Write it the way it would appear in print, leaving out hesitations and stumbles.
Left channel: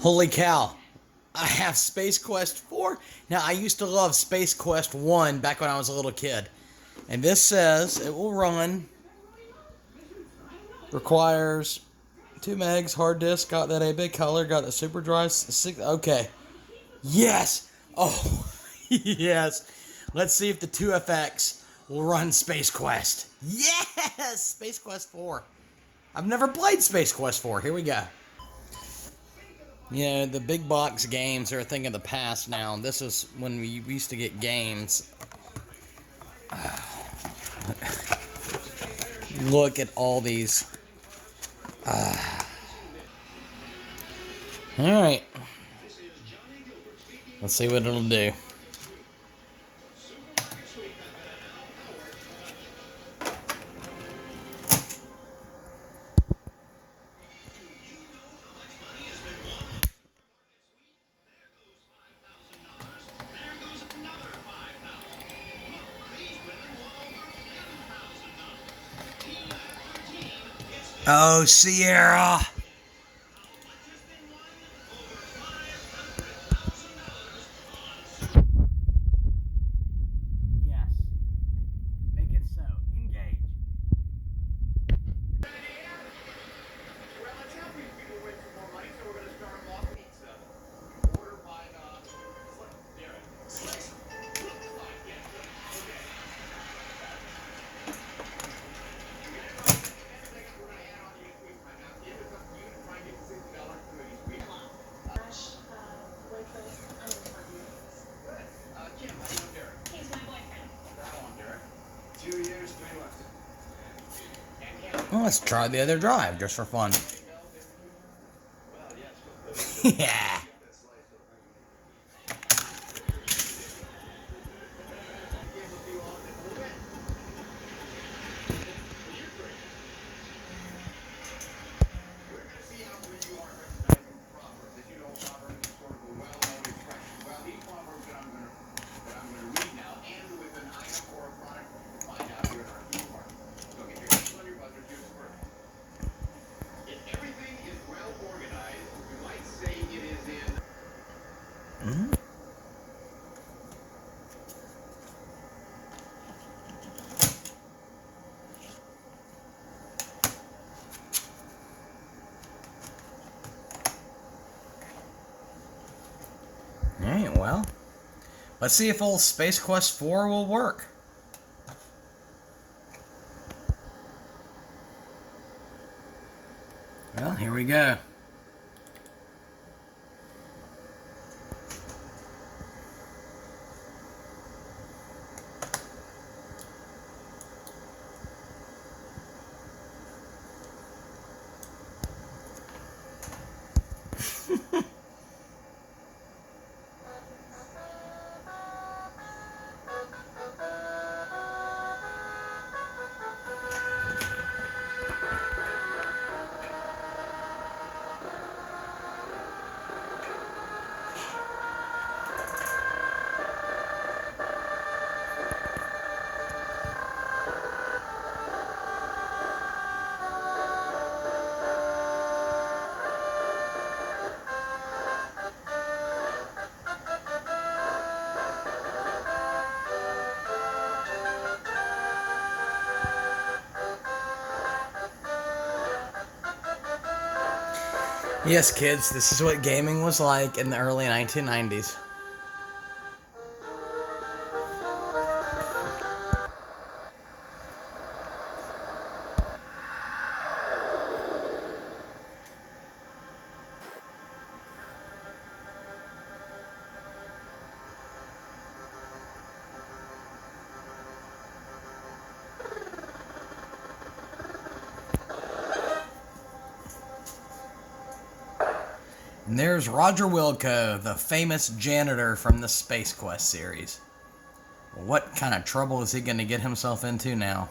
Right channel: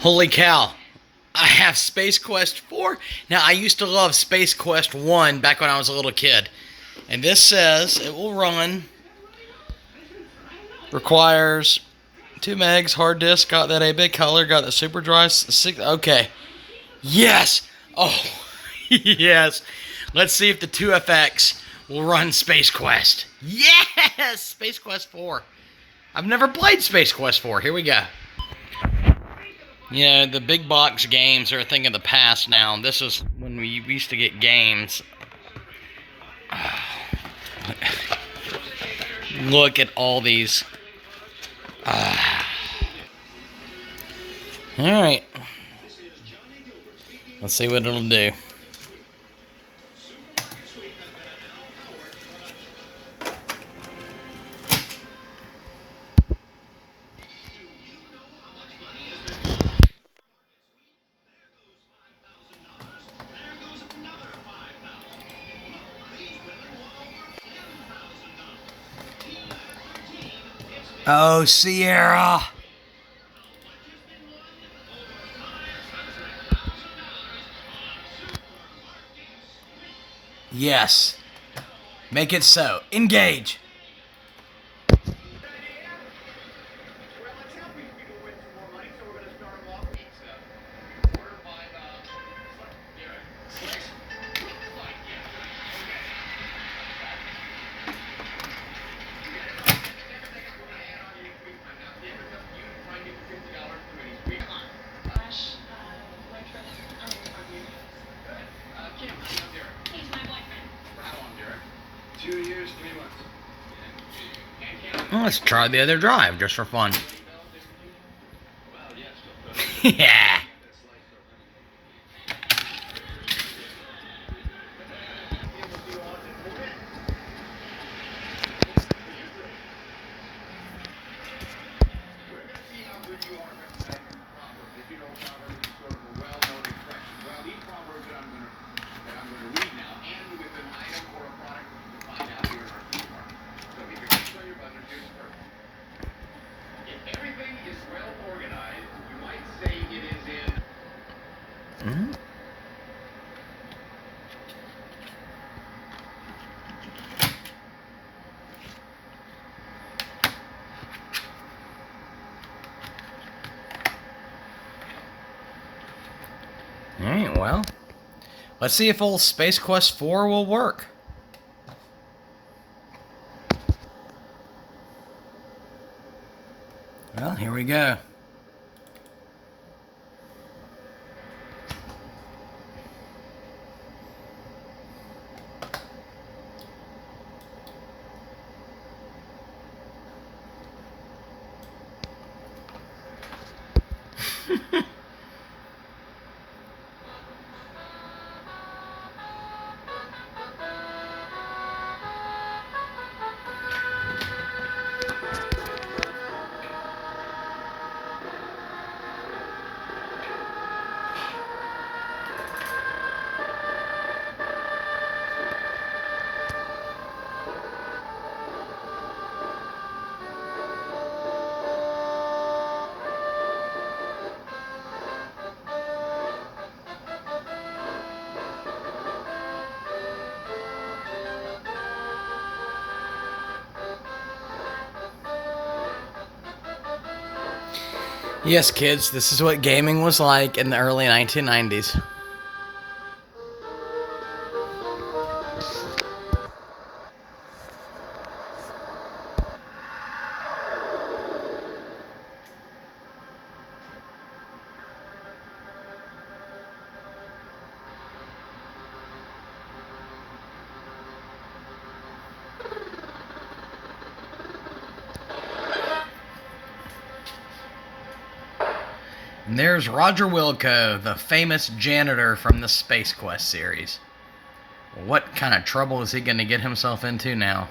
Holy cow. I have Space Quest 4. Now, I used to love Space Quest 1 back when I was a little kid. And this says it will run, requires 2 megs, hard disk, got that a big color, got the super drive. Okay. Yes. Oh, yes. Let's see if the 2FX will run Space Quest. Yes! Space Quest 4. I've never played Space Quest 4. Here we go. Yeah, the big box games are a thing of the past now. This is when we used to get games. Look at all these. Alright. Let's see what it'll do. Oh, Sierra! Yes. Make it so. Engage. Well, let's try the other drive just for fun. Yeah. Mm-hmm. Alright, well, let's see if old Space Quest 4 will work. Well, here we go. Yes, kids, this is what gaming was like in the early 1990s. And there's Roger Wilco, the famous janitor from the Space Quest series. What kind of trouble is he going to get himself into now?